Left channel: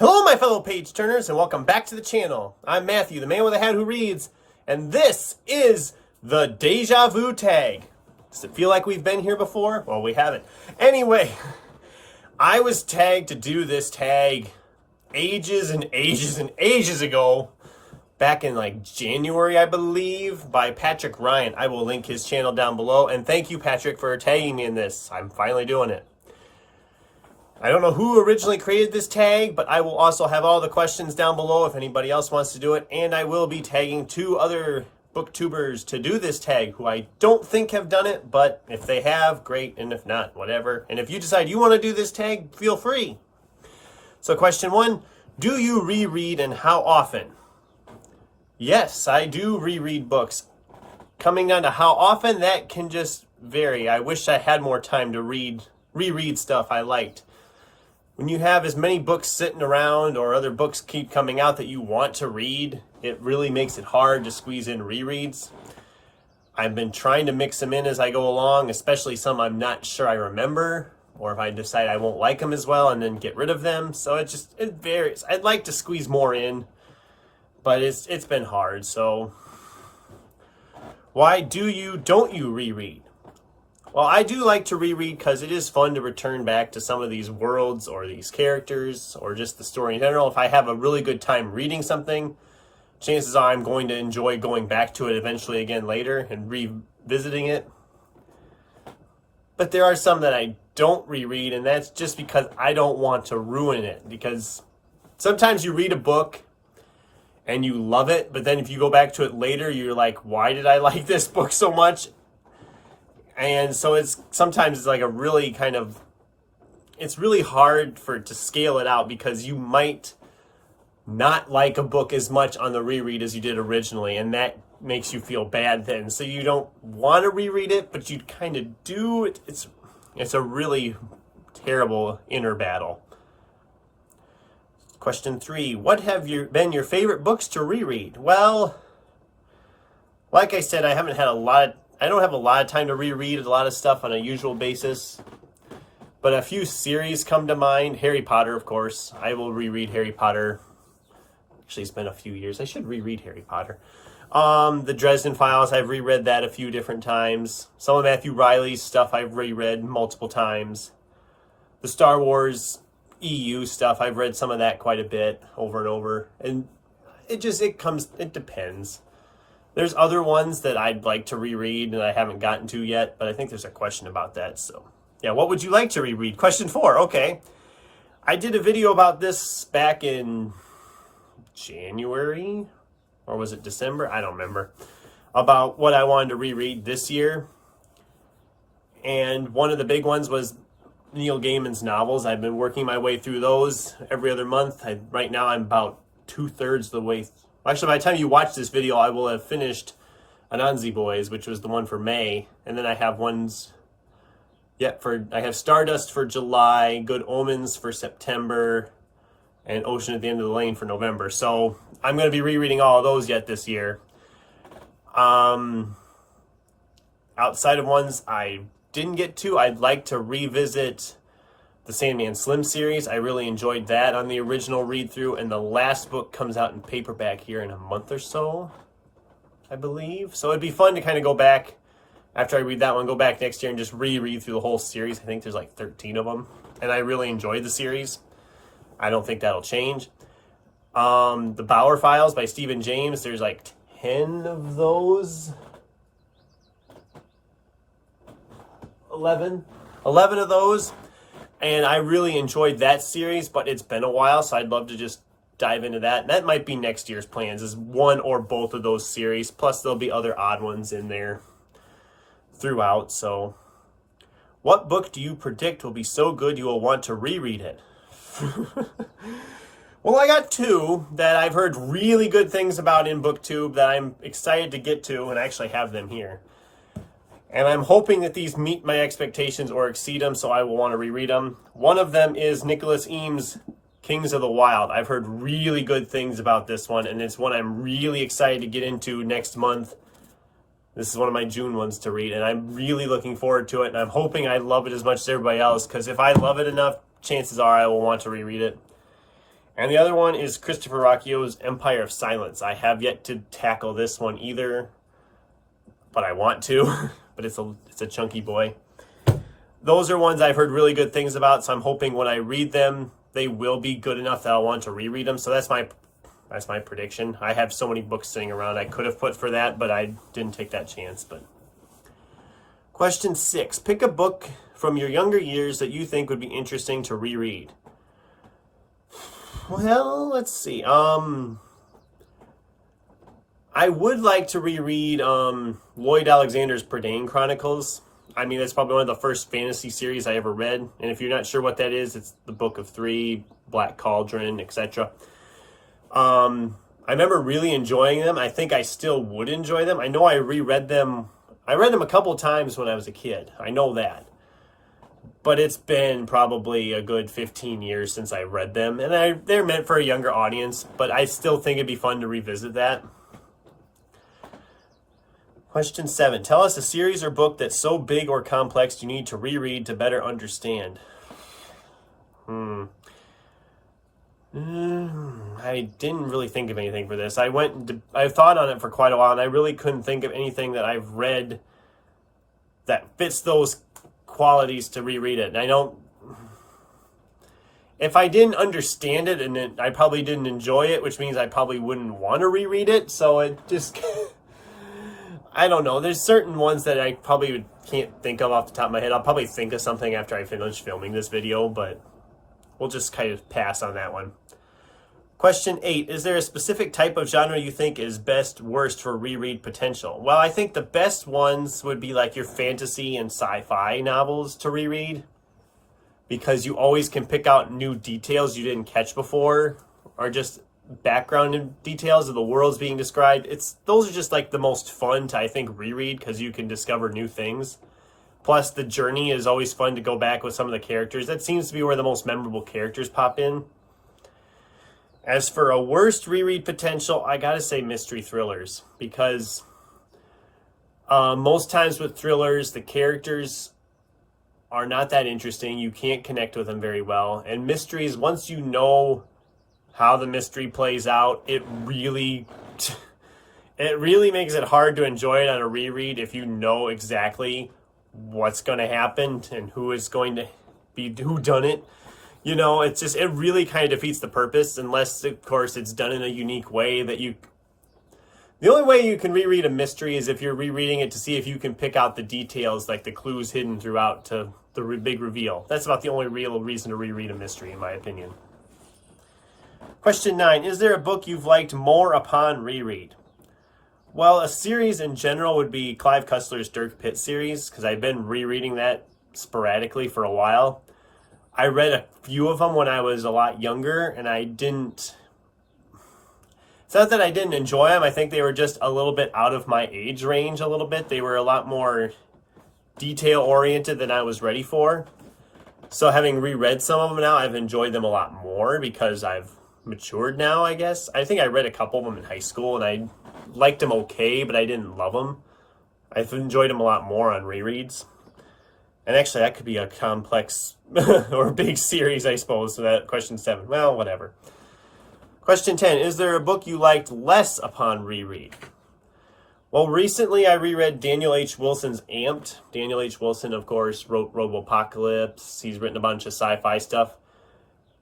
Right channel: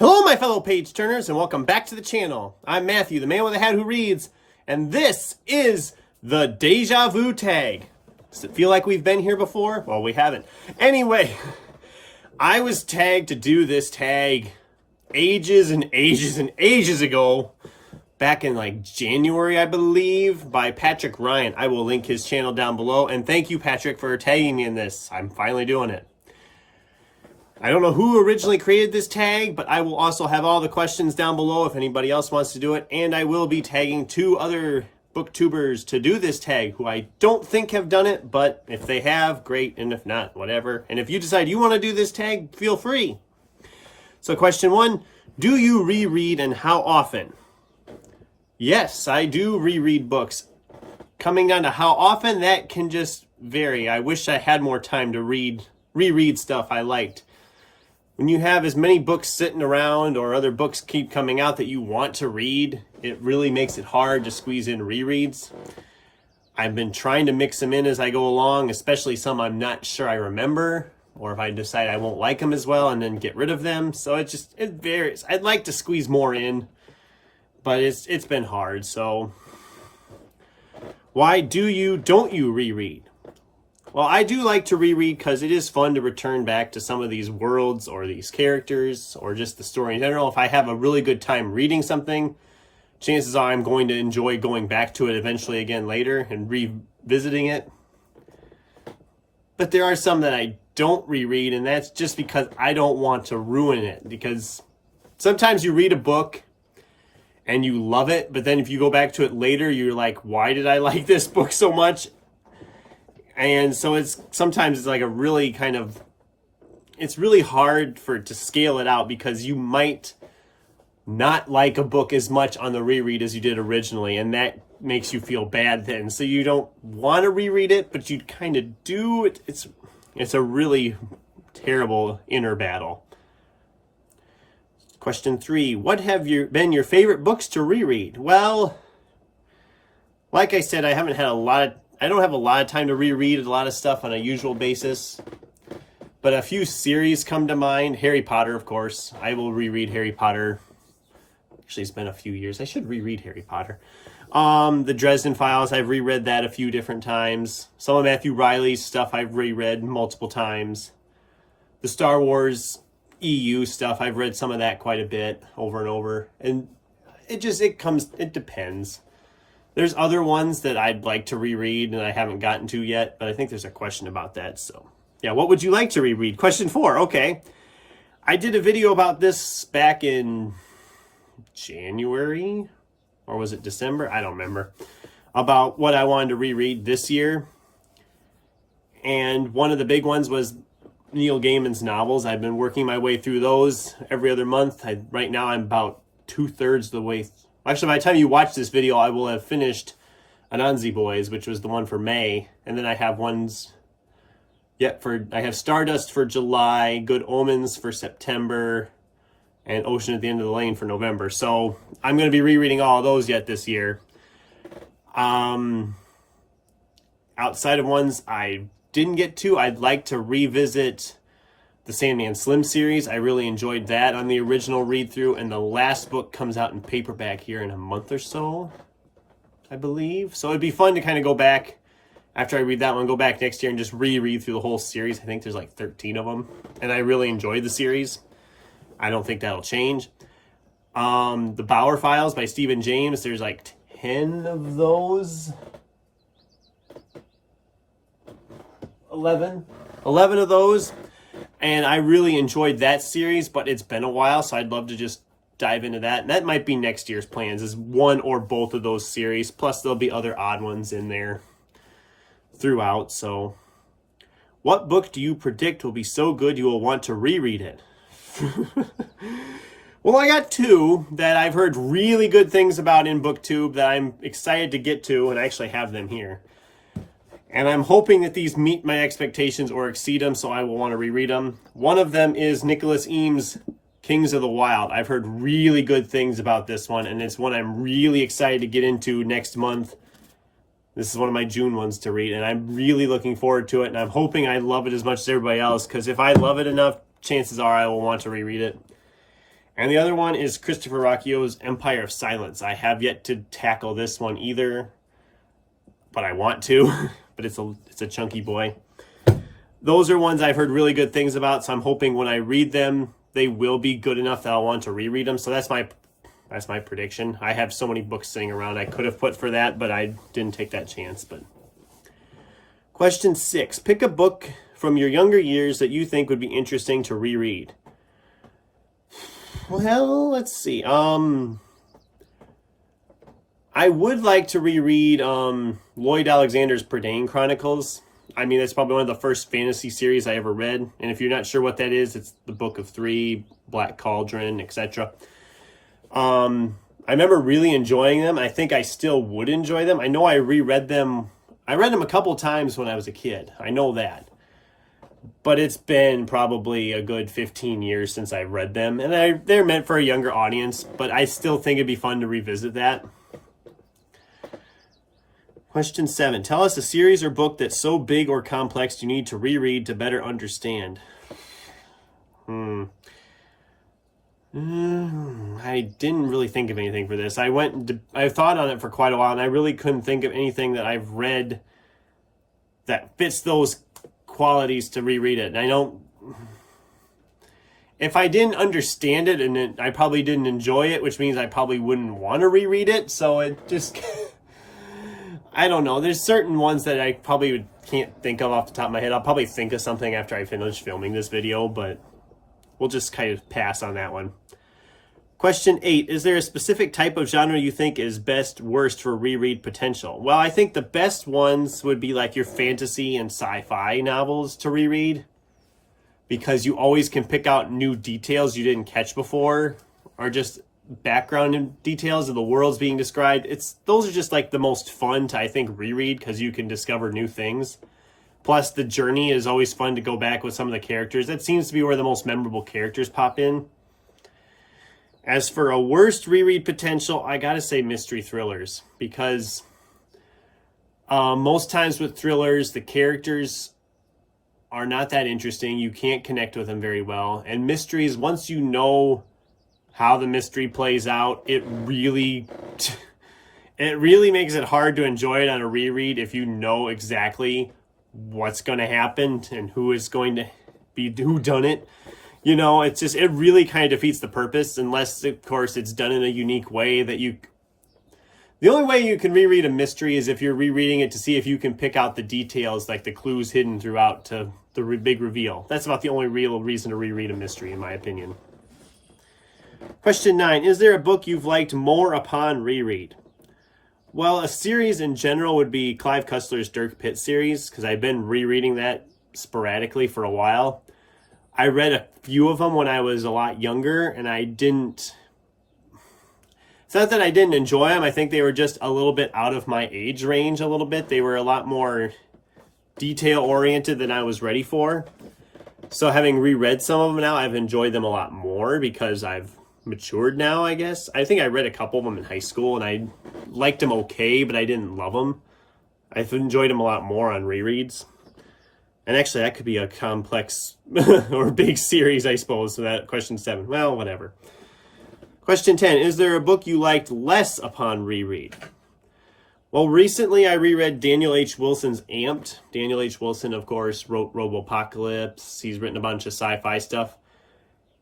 Hello, my fellow page turners, and welcome back to the channel. I'm Matthew, the man with a hat who reads, and this is the Deja Vu Tag. Does it feel like we've been here before? Well, we haven't. Anyway, I was tagged to do this tag ages and ages and ages ago, back in like January, I believe, by Patrick Ryan. I will link his channel down below, and thank you, Patrick, for tagging me in this. I'm finally doing it. I don't know who originally created this tag, but I will also have all the questions down below if anybody else wants to do it. And I will be tagging 2 other booktubers to do this tag who I don't think have done it, but if they have, great, and if not, whatever. And if you decide you want to do this tag, feel free. So question 1, do you reread and how often? Yes, I do reread books. Coming down to how often, that can just vary. I wish I had more time to reread stuff I liked. When you have as many books sitting around or other books keep coming out that you want to read, it really makes it hard to squeeze in rereads. I've been trying to mix them in as I go along, especially some I'm not sure I remember, or if I decide I won't like them as well and then get rid of them. So it varies. I'd like to squeeze more in, but it's been hard. So why don't you reread? Well, I do like to reread because it is fun to return back to some of these worlds or these characters or just the story in general. If I have a really good time reading something, chances are I'm going to enjoy going back to it eventually again later and revisiting it. But there are some that I don't reread, and that's just because I don't want to ruin it. Because sometimes you read a book and you love it, but then if you go back to it later, you're like, why did I like this book so much? And so sometimes it's like a really it's really hard to scale it out because you might not like a book as much on the reread as you did originally, and that makes you feel bad then. So you don't want to reread it, but you kind of do. It's a really terrible inner battle. Question 3, what have been your favorite books to reread? Well, like I said, I don't have a lot of time to reread a lot of stuff on a usual basis, but a few series come to mind. Harry Potter, of course. I will reread Harry Potter. Actually, it's been a few years. I should reread Harry Potter. The Dresden Files, I've reread that a few different times. Some of Matthew Riley's stuff I've reread multiple times. The Star Wars EU stuff, I've read some of that quite a bit over and over. And it depends. There's other ones that I'd like to reread and I haven't gotten to yet, but I think there's a question about that. So yeah, what would you like to reread? Question 4, okay. I did a video about this back in January, or was it December? I don't remember. About what I wanted to reread this year. And one of the big ones was Neil Gaiman's novels. I've been working my way through those every other month. Right now I'm about 2/3 the way. Actually, by the time you watch this video, I will have finished Anansi Boys, which was the one for May. And then I have ones, I have Stardust for July, Good Omens for September, and Ocean at the End of the Lane for November. So I'm going to be rereading all of those yet this year. Outside of ones I didn't get to, I'd like to revisit the Sandman Slim series. I really enjoyed that on the original read-through, and the last book comes out in paperback here in a month or so, I believe. So it'd be fun to kind of go back, after I read that one, go back next year and just reread through the whole series. I think there's like 13 of them, and I really enjoyed the series. I don't think that'll change. The Bauer Files by Stephen James, there's like 10 of those. 11 of those. And I really enjoyed that series, but it's been a while, so I'd love to just dive into that. And that might be next year's plans, is one or both of those series. Plus, there'll be other odd ones in there throughout. So, what book do you predict will be so good you will want to reread it? Well, I got 2 that I've heard really good things about in BookTube that I'm excited to get to, and I actually have them here. And I'm hoping that these meet my expectations or exceed them, so I will want to reread them. One of them is Nicholas Eames' Kings of the Wild. I've heard really good things about this one, and it's one I'm really excited to get into next month. This is one of my June ones to read, and I'm really looking forward to it, and I'm hoping I love it as much as everybody else, because if I love it enough, chances are I will want to reread it. And the other one is Christopher Rocchio's Empire of Silence. I have yet to tackle this one either, but I want to. But it's a chunky boy. Those are ones I've heard really good things about, so I'm hoping when I read them, they will be good enough that I'll want to reread them. So that's my prediction. I have so many books sitting around I could have put for that, but I didn't take that chance. But question 6. Pick a book from your younger years that you think would be interesting to reread. Well, let's see. I would like to reread Lloyd Alexander's Prydain Chronicles. I mean, that's probably one of the first fantasy series I ever read. And if you're not sure what that is, it's the Book of Three, Black Cauldron, etc. I remember really enjoying them. I think I still would enjoy them. I know I reread them. I read them a couple times when I was a kid. I know that. But it's been probably a good 15 years since I read them. And they're meant for a younger audience, but I still think it'd be fun to revisit that. Question 7. Tell us a series or book that's so big or complex you need to reread to better understand. I didn't really think of anything for this. I thought on it for quite a while, and I really couldn't think of anything that I've read that fits those qualities to reread it. And if I didn't understand it, and I probably didn't enjoy it, which means I probably wouldn't want to reread it. So it just... I don't know. There's certain ones that I probably can't think of off the top of my head. I'll probably think of something after I finish filming this video, but we'll just kind of pass on that one. Question 8. Is there a specific type of genre you think is best, worst for reread potential? Well, I think the best ones would be like your fantasy and sci-fi novels to reread, because you always can pick out new details you didn't catch before, or just background and details of the worlds being described. Those are just like the most fun to, I think, reread, because you can discover new things. Plus the journey is always fun to go back with some of the characters. That seems to be where the most memorable characters pop in. As for a worst reread potential, I gotta say mystery thrillers, because most times with thrillers, the characters are not that interesting. You can't connect with them very well. And mysteries, once you know how the mystery plays out, it really makes it hard to enjoy it on a reread if you know exactly what's going to happen and who is going to be whodunit. You know, it really kind of defeats the purpose, unless, of course, it's done in a unique way that you... The only way you can reread a mystery is if you're rereading it to see if you can pick out the details, like the clues hidden throughout to the big reveal. That's about the only real reason to reread a mystery, in my opinion. Question 9. Is there a book you've liked more upon reread? Well, a series in general would be Clive Cussler's Dirk Pitt series, because I've been rereading that sporadically for a while. I read a few of them when I was a lot younger, and I didn't... It's not that I didn't enjoy them. I think they were just a little bit out of my age range a little bit. They were a lot more detail-oriented than I was ready for. So having reread some of them now, I've enjoyed them a lot more because I've matured now, I guess. I think I read a couple of them in high school, and I liked them okay, but I didn't love them. I've enjoyed them a lot more on rereads. And actually, that could be a complex or big series, I suppose, so that question 7. Well, whatever. Question 10. Is there a book you liked less upon reread? Well, recently I reread Daniel H. Wilson's Amped. Daniel H. Wilson, of course, wrote Robopocalypse. He's written a bunch of sci-fi stuff.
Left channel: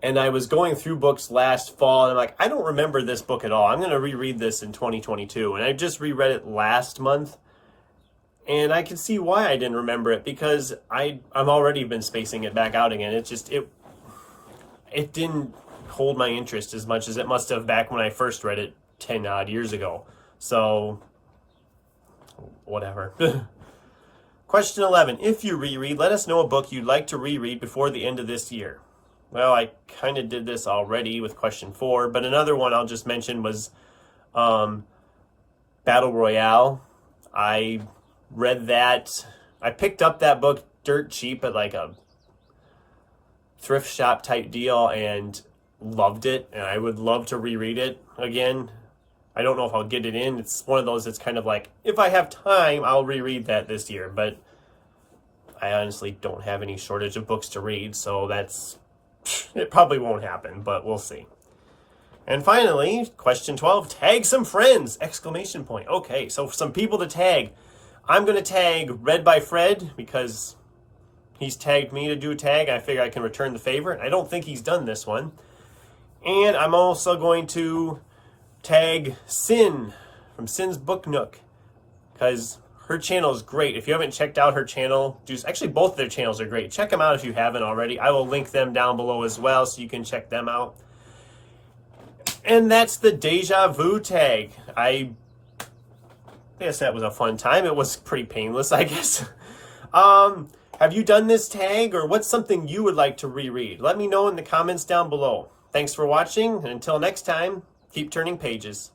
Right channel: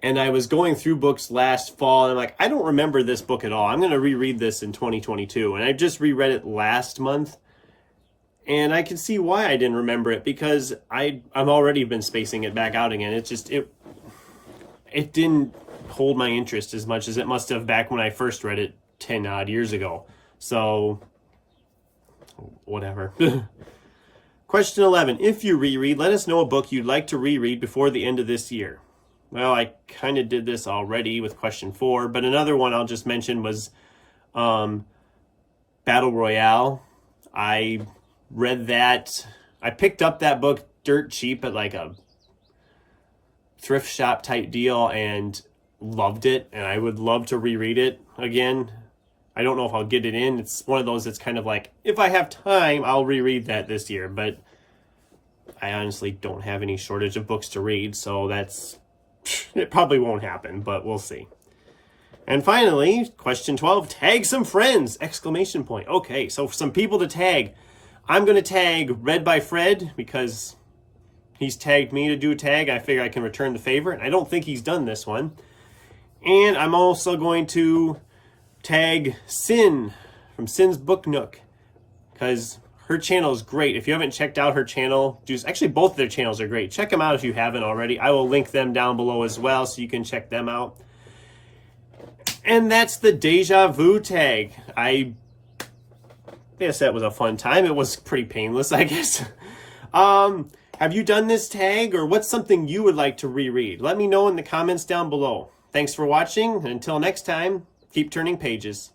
And I was going through books last fall, and I'm like, I don't remember this book at all. I'm going to reread this in 2022. And I just reread it last month. And I can see why I didn't remember it, because I've already been spacing it back out again. It didn't hold my interest as much as it must have back when I first read it 10 odd years ago. So, whatever. Question 11. If you reread, let us know a book you'd like to reread before the end of this year. Well, I kind of did this already with question 4, but another one I'll just mention was Battle Royale. I read that. I picked up that book dirt cheap at like a thrift shop type deal and loved it, and I would love to reread it again. I don't know if I'll get it in. It's one of those that's kind of like, if I have time, I'll reread that this year, but I honestly don't have any shortage of books to read, so it probably won't happen, but we'll see. And finally, question 12, tag some friends, exclamation point. Okay, so some people to tag. I'm going to tag Read by Fred because he's tagged me to do a tag. I figure I can return the favor. I don't think he's done this one. And I'm also going to tag Sin from Sin's Book Nook because her channel is great. If you haven't checked out her channel, actually both of their channels are great. Check them out if you haven't already. I will link them down below as well so you can check them out. And that's the Deja Vu tag. I guess that was a fun time. It was pretty painless, I guess. Have you done this tag, or what's something you would like to reread? Let me know in the comments down below. Thanks for watching, and until next time, keep turning pages.